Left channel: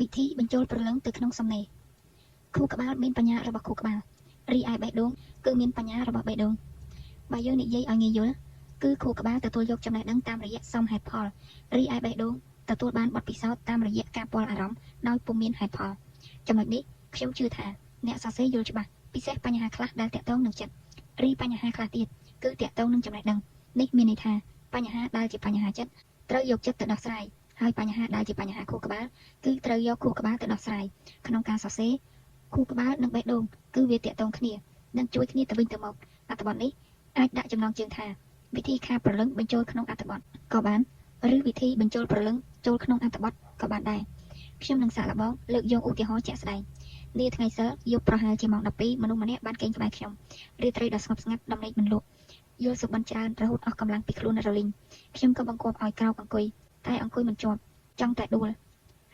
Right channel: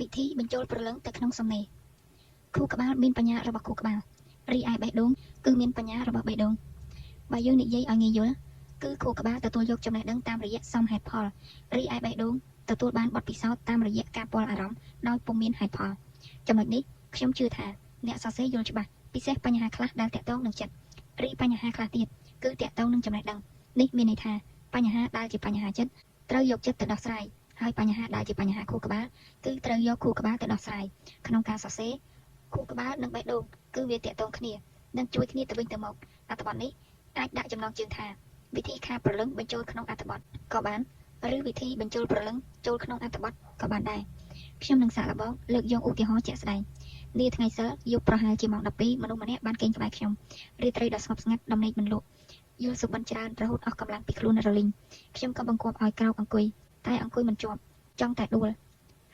វិធីបញ្ចូលព្រលឹងទៅក្នុងសំណេរខួរក្បាលមានបញ្ញារបស់ខួរក្បាលរីឯបេះដូងគឺមានបញ្ញារបស់បេះដូងបើយើងនិយាយឲ្យងាយយល់គឺខួរក្បាលទទួលយកចំណេះដឹងតាមរយៈសមហេតុផលរីឯបេះដូងទទួលបានបទពិសោធន៍តាមរយៈការពាល់អារម្មណ៍ដោយពុំមានហេតុផលចំណុចនេះខ្ញុំជឿថាអ្នកសរសេរយល់ច្បាស់ពិសេសបញ្ហាខ្លះដែលតាក់ទងនឹងចិត្តរីបញ្ហាខ្លះទៀតគឺតាក់ទងនឹងចំណេះដឹងនេះមានន័យថាបញ្ហាដែលជាបញ្ហាចិត្តត្រូវយកចិត្តទៅដោះស្រាយហើយបញ្ហាដែលជាបញ្ហាខួរក្បាលគឺត្រូវយកខួរក្បាលទៅដោះស្រាយក្នុងការសរសេរខួរក្បាលនិងបេះដូងគឺវាតាក់ទងគ្នានិងជួយគ្នាទៅវិញទៅមកអត្ថបទនេះអាចដាក់ចំណងជើងថាវិធីខាព្រលឹងបញ្ចូលក្នុងអត្ថបទក៏បានឬវិធីបញ្ចូលព្រលឹងចូលក្នុងអត្ថបទក៏បានដែរខ្ញុំនឹងសាកល្បងលើកយកឧទាហរណ៍ជាក់ស្ដែងនាថ្ងៃសិលយប់ប្រហែលជាម៉ោង12មនុស្សម្នាក់បានគេងក្បែរខ្ញុំរាត្រីដ៏ស្ងប់ស្ងាត់ដំណេកមិនលក់យល់សុបិនច្រើនរហូតអស់កម្លាំងពីខ្លួនរលីងខ្ញុំក៏បង្គាប់ឲ្យក្រោកអង្គុយតែអង្គុយមិនជាប់ចង់តែដួល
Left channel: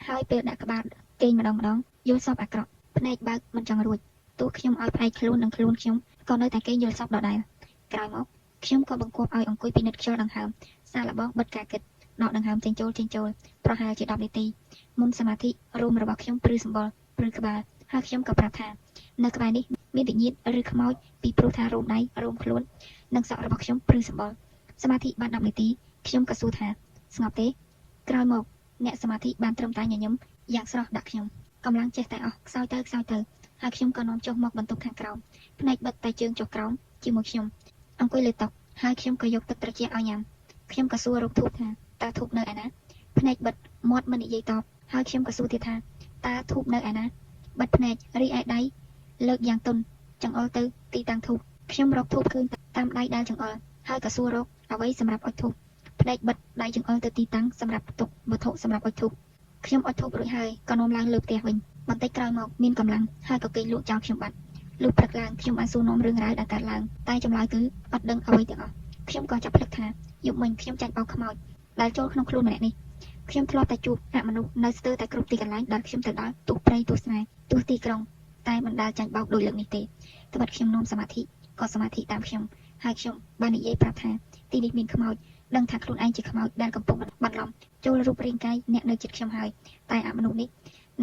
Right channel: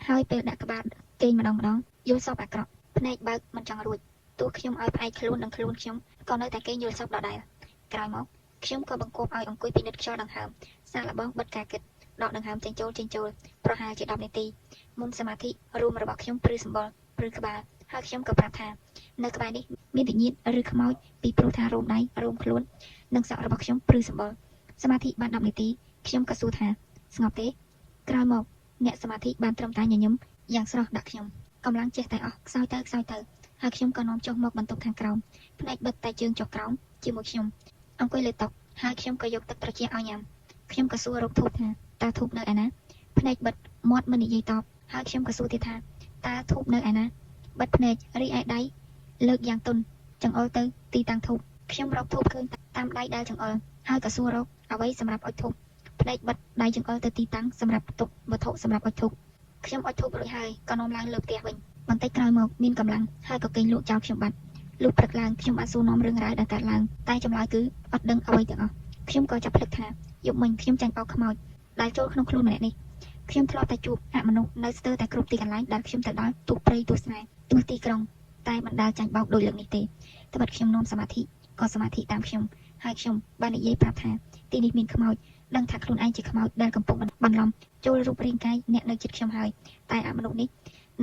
ហើយពេលដាក់ក្បាលគេងម្ដងយល់សពអាក្រក់ភ្នែកបើកមិនចង់រួចទោះខ្ញុំឲ្យផ្នែកខ្លួននិងខ្លួនខ្ញុំក៏នៅតែគេងយល់សពដដែលក្រោយមកខ្ញុំក៏បង្គាប់ឲ្យអង្គុយពិនិត្យខ្យល់ដង្ហើមសាកល្បងបិទការគិតដកដង្ហើមចេញចូលប្រហែលជា10នាទីមុនសមាធិរួមរបស់ខ្ញុំព្រឺសម្បុរព្រឺក្បាលហើយខ្ញុំក៏ប្រាប់ថានៅក្បែរនេះមានវិញ្ញាណឬខ្មោចពីព្រោះថារោមដៃរោមខ្លួននិងសក់របស់ខ្ញុំព្រឺសម្បុរសមាធិបាន10នាទីខ្ញុំក៏សួរថាស្ងប់ទេក្រោយមកអ្នកសមាធិបានត្រឹមតែញញឹមយ៉ាងស្រស់ដាក់ខ្ញុំកម្លាំងចេះតែអស់ខ្សោយទៅហើយខ្ញុំក៏នាំចុះមកបន្ទប់ខាងក្រោមភ្នែកបិទតែជើងចុះក្រោមជាមួយខ្ញុំអង្គុយលើតុហើយខ្ញុំក៏យកទឹកត្រជាក់ឲ្យញ៉ាំខ្ញុំក៏សួររកធូបថាតើធូបនៅឯណាភ្នែកបិទមាត់មិននិយាយតបហើយខ្ញុំក៏សួរទៀតថាតើធូបនៅឯណាបិទភ្នែករីឯដៃលើកយ៉ាងទន់ចង្អុលទៅទីតាំងធូបខ្ញុំរកធូបឃើញតាមដៃដែលចង្អុលហើយក៏សួររកអ្វីសម្រាប់អុជធូបភ្នែកបិទដៃចង្អុលទៅទីតាំងសម្រាប់ទុកវត្ថុសម្រាប់អុជធូបខ្ញុំអុជធូបរួចហើយក៏នាំឡើងលើផ្ទះវិញបន្តិចក្រោយមកមានកម្លាំងហើយក៏គេងលក់ចោលខ្ញុំបាត់លុះព្រឹកឡើងខ្ញុំបានសួរនាំរឿងរ៉ាវដែលកើតឡើងតែចម្លើយគឺអត់ដឹងអ្វីទាំងអស់ខ្ញុំក៏ចាប់ភ្លឹកថាយប់មិញខ្ញុំចាញ់បោកខ្មោចដែលចូលក្នុងខ្លួនម្នាក់នេះខ្ញុំធ្លាប់តែជួបអមនុស្សនៅស្ទើរតែគ្រប់ទីកន្លែងដែលខ្ញុំទៅដល់ទោះព្រៃទោះស្រែទោះទីក្រុងតែមិនដែលចាញ់បោកដោយលើកនេះទេត្បិតខ្ញុំនាំសមាធិក៏សមាធិតាមខ្ញុំហើយខ្ញុំបាននិយាយប្រាប់ថាទីនេះមានខ្មោចដឹងថាខ្លួនឯងជាខ្មោចដែលកំពុងបន្លំចូលរូបរាងកាយអ្នកនៅជិតខ្ញុំហើយតែអមនុស្សនេះ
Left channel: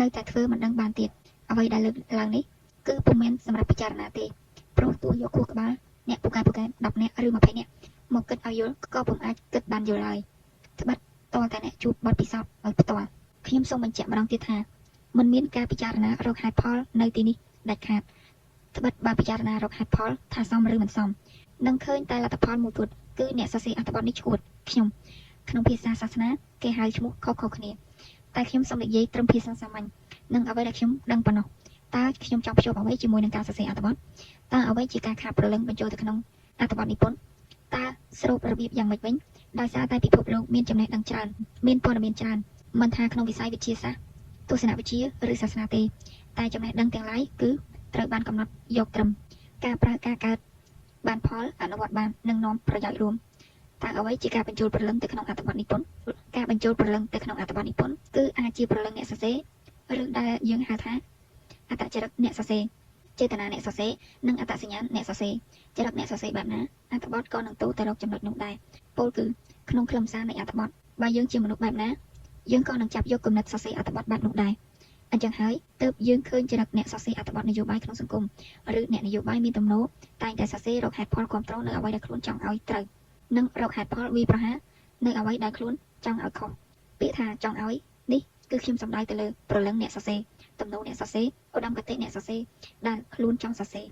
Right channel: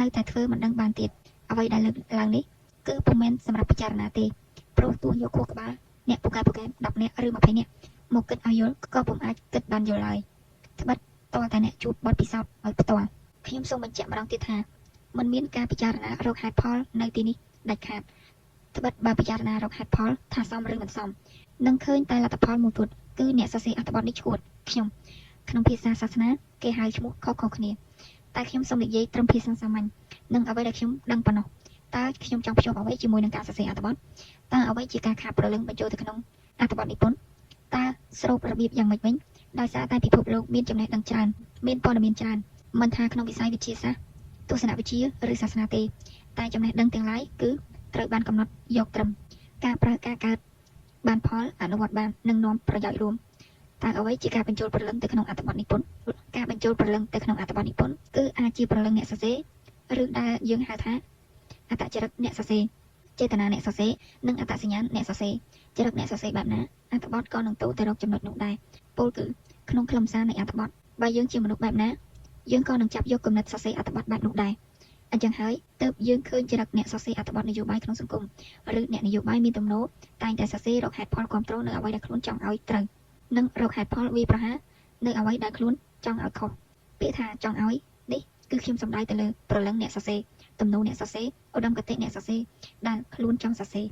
នៅតែធ្វើមិនដឹងបានទៀតអ្វីដែលលើកឡើងនេះគឺពុំមែនសម្រាប់ពិចារណាទេព្រោះទោះយកខួរក្បាលអ្នកពូកែ10នាក់ឬ20នាក់មកគិតឲ្យយល់ក៏ពុំអាចគិតបានយល់ឡើយត្បិតតើតាអ្នកជួបបទពិសោធន៍ឲ្យផ្ទាល់ខ្ញុំសូមបញ្ជាក់ម្ដងទៀតថាមិនមានការពិចារណារកហេតុផលនៅទីនេះដាច់ខាតត្បិតបើពិចារណារកហេតុផលថាសមឬមិនសមនឹងឃើញតែលទ្ធផលមួយគត់គឺអ្នកសរសេរអត្ថបទនេះឈួតខ្ញុំក្នុងភាសាសាសនាគេហៅឈ្មោះខុសគ្នាតែខ្ញុំសូមនិយាយត្រឹមភាសាសាមញ្ញនិងអ្វីដែលខ្ញុំដឹងប៉ុណ្ណោះតើខ្ញុំចង់ភ្ជាប់អ្វីជាមួយនឹងការសរសេរអត្ថបទតើអ្វីជាការខាតព្រលឹងបញ្ចូលទៅក្នុងអត្ថបទនិពន្ធតើស្រូបរបៀបយ៉ាងម៉េចវិញដោយសារតែពិភពលោកមានចំណេះដឹងច្រើនមានព័ត៌មានច្រើនមិនថាក្នុងវិស័យវិទ្យាសាស្ត្រទស្សនវិជ្ជាឬសាសនាទេតែចំណេះដឹងទាំងឡាយគឺត្រូវបានកំណត់យកត្រឹមការប្រើការកើតបានផលអនុវត្តបាននិងនាំប្រយោជន៍រួមតើអ្វីជាការបញ្ចូលព្រលឹងទៅក្នុងអត្ថបទនិពន្ធការបញ្ចូលព្រលឹងទៅក្នុងអត្ថបទនិពន្ធគឺអាចជាព្រលឹងអ្នកសរសេរឬដែលយើងហៅថាអត្តចរិតអ្នកសរសេរចេតនាអ្នកសរសេរនិងអត្តសញ្ញាណអ្នកសរសេរចរិតអ្នកសរសេរបែបណាអត្ថបទក៏នឹងទៅរកចំណុចនោះដែរពោលគឺក្នុងខ្លឹមសារនៃអត្ថបទបើយើងជាមនុស្សបែបណាយើងក៏នឹងចាប់យកគំនិតសរសេរអត្ថបទបែបនោះដែរអញ្ចឹងហើយទើបយើងឃើញចរិតអ្នកសរសេរអត្ថបទនយោបាយក្នុងសង្គមឬអ្នកនយោបាយមានទំនោរតែងតែសរសេររកហេតុផលគ្រប់គ្រងនៅអ្វីដែលខ្លួនចង់ឲ្យត្រូវនិងរកហេតុផលវាប្រហារនៅអ្វីដែលខ្លួនចង់ឲ្យខុសពាក្យថាចង់ឲ្យនេះគឺខ្ញុំសំដៅទៅលើព្រលឹងអ្នកសរសេរទំនោរអ្នកសរសេរឧត្តមគតិអ្នកសរសេរដែលខ្លួនចង់សរសេរ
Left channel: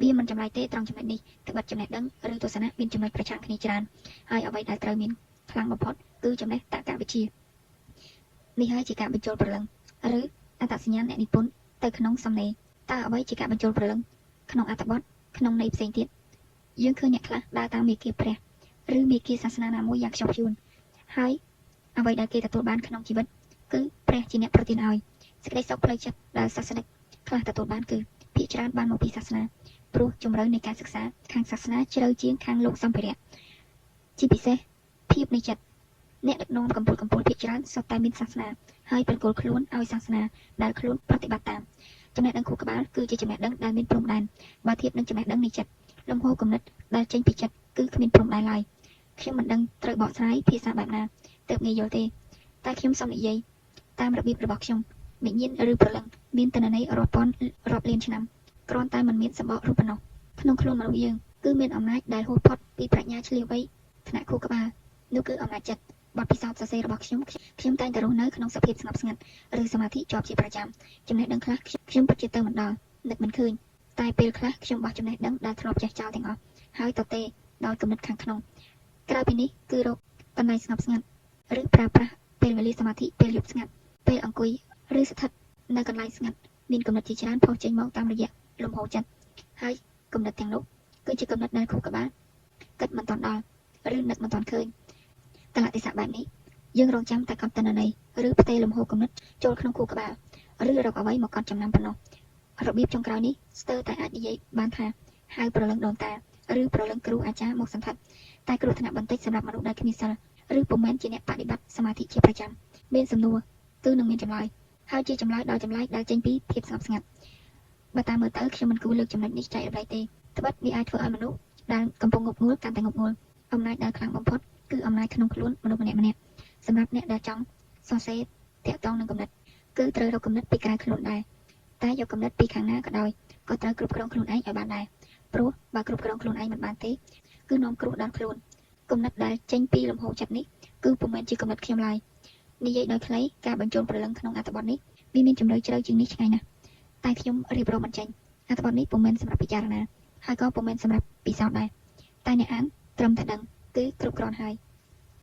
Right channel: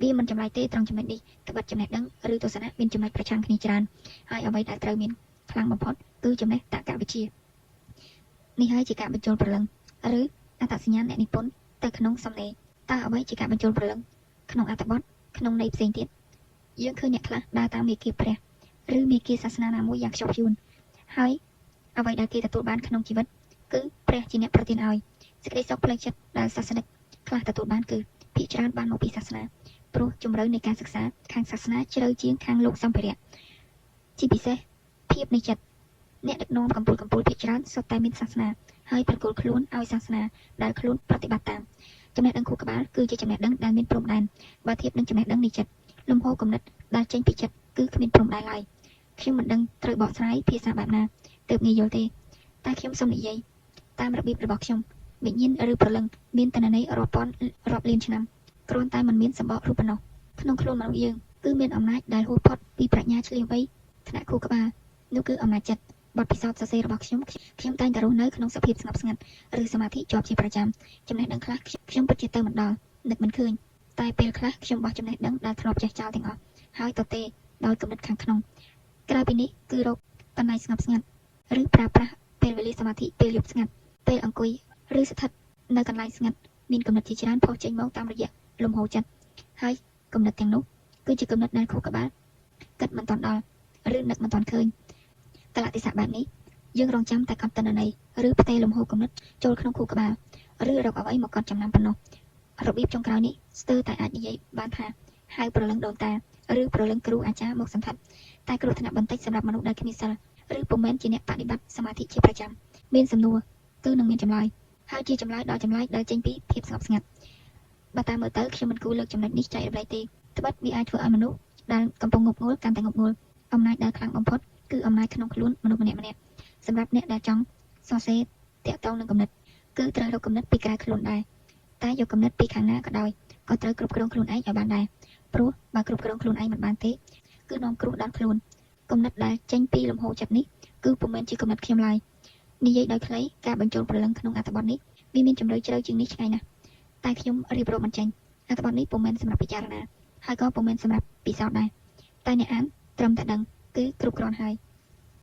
វាមិនចម្លែកទេត្រង់ចំណុចនេះត្បិតចំណេះដឹងឬទស្សនៈមានចំណុចប្រឆាំងគ្នាច្រើនហើយអ្វីដែលត្រូវមានខ្លាំងបំផុតគឺចំណេះតក្កវិជ្ជានេះហើយជាការបញ្ចូលព្រលឹងឬអត្តសញ្ញាណអ្នកនិពន្ធទៅក្នុងសំណេរតើអ្វីជាការបញ្ចូលព្រលឹងក្នុងអត្ថបទក្នុងន័យផ្សេងទៀតយើងឃើញអ្នកខ្លះដើរតាមមាគ៌ាព្រះឬមាគ៌ាសាសនាណាមួយយ៉ាងខ្ជាប់ខ្ជួនហើយអ្វីដែលគេទទួលបានក្នុងជីវិតគឺព្រះជាអ្នកប្រទានឲ្យសេចក្តីសុខផ្លូវចិត្តដែលសាសនិកខ្លះទទួលបានគឺភាគច្រើនបានមកពីសាសនាព្រោះជំរឿននៃការសិក្សាខាងសាសនាជ្រៅជាងខាងលោកសម្ភារៈជាពិសេសភាពនៃចិត្តអ្នកដឹកនាំកម្ពុជាភាគច្រើនសុទ្ធតែមានសាសនាហើយប្រគល់ខ្លួនឲ្យសាសនាដែលខ្លួនប្រតិបត្តិតាមចំណេះដឹងខួរក្បាលគឺជាចំណេះដឹងដែលមានព្រំដែនបើធៀបនឹងចំណេះដឹងនៃចិត្តលំហូរគំនិតដែលចេញពីចិត្តគឺគ្មានព្រំដែនឡើយខ្ញុំមិនដឹងត្រូវបកស្រាយភាសាបែបណាទើបងាយយល់ទេតែខ្ញុំសូមនិយាយតាមរបៀបរបស់ខ្ញុំ វិញ្ញាណឬព្រលឹងមានទិន្នន័យរាប់ពាន់រាប់លានឆ្នាំគ្រាន់តែមិនមានសម្បករូបប៉ុណ្ណោះក្នុងខ្លួនមនុស្សយើងគឺមានអំណាចដែលហួសផុតពីប្រាជ្ញាឆ្លៀសវៃថ្នាក់ខួរក្បាលនោះគឺអំណាចចិត្តបទពិសោធន៍សរសេររបស់ខ្ញុំតែងតែរស់នៅក្នុងសភាពស្ងប់ស្ងាត់ឬសមាធិជាប់ជាប្រចាំចំណេះដឹងខ្លះខ្ញុំពិតជាទៅមិនដល់នឹកមិនឃើញតែពេលខ្លះខ្ញុំបោះចំណេះដឹងដែលធ្លាប់ចេះចោលទាំងអស់ហើយតទេដោយគំនិតខាងក្នុងក្រៅពីនេះគឺរកកន្លែងស្ងប់ស្ងាត់ឬប្រើប្រាស់ពេលវេលាសមាធិពេលយប់ស្ងាត់ពេលអង្គុយឬស្ថិតនៅកន្លែងស្ងាត់មានគំនិតជាច្រើនផុសចេញមកតាមរយៈលំហូរចិត្តហើយគំនិតទាំងនោះគឺជាគំនិតដែលខួរក្បាលគិតមិនទាន់ដល់ឬនឹកមិនទាន់ឃើញកលៈទេសៈបែបនេះយើងរងចាំតែកត់ទិន្នន័យឬផ្ទេរលំហូរគំនិតចូលក្នុងខួរក្បាលឬរកអ្វីមកកត់ចំណាំប៉ុណ្ណោះរបៀបចុងក្រោយនេះស្ទើរតែអាចនិយាយបានថាហៅព្រលឹងដូនតាឬព្រលឹងគ្រូអាចារ្យមកសន្តិដ្ឋតែគ្រោះថ្នាក់បន្តិចសម្រាប់មនុស្សដែលគ្មានសិលឬពុំមែនជាអ្នកបដិបត្តិសមាធិជាប្រចាំមានសំណួរគឺនឹងមានចម្លើយហើយជាចម្លើយដោយចម្លែកដែលចេញពីភាពស្ងប់ស្ងាត់បើតាមមើលទៅខ្ញុំមិនគួរលើកចំណុចនេះចែករំលែកទេត្បិតវាអាចធ្វើឲ្យមនុស្សដែលកំពុងងប់ងល់កាន់តែងប់ងល់អំណាចដែលខ្លាំងបំផុតគឺអំណាចក្នុងខ្លួនមនុស្សម្នាក់ៗសម្រាប់អ្នកដែលចង់សរសេរតាក់ទងនឹងគំនិតគឺត្រូវរកគំនិតពីក្រៅខ្លួនដែរតែយកគំនិតពីខាងណាក៏ដោយក៏ត្រូវគ្រប់គ្រងខ្លួនឯងឲ្យបានដែរព្រោះបើគ្រប់គ្រងខ្លួនឯងមិនបានទេគឺនាំគ្រោះដល់ខ្លួនគំនិតដែលចេញពីលំហូរចិត្តនេះគឺពុំមែនជាគំនិតខ្ញុំឡើយនិយាយដោយខ្លីការបញ្ចូលព្រលឹងក្នុងអត្ថបទនេះវាមានជំរឿជ្រៅជាងនេះឆ្ងាយណាស់តែខ្ញុំរៀបរាប់មិនចេញអត្ថបទនេះពុំមែនសម្រាប់ពិចារណាហើយក៏ពុំមែនសម្រាប់ពិសោធន៍ដែរតែអ្នកអានត្រឹមតែដឹងគឺគ្រប់គ្រាន់ហើយ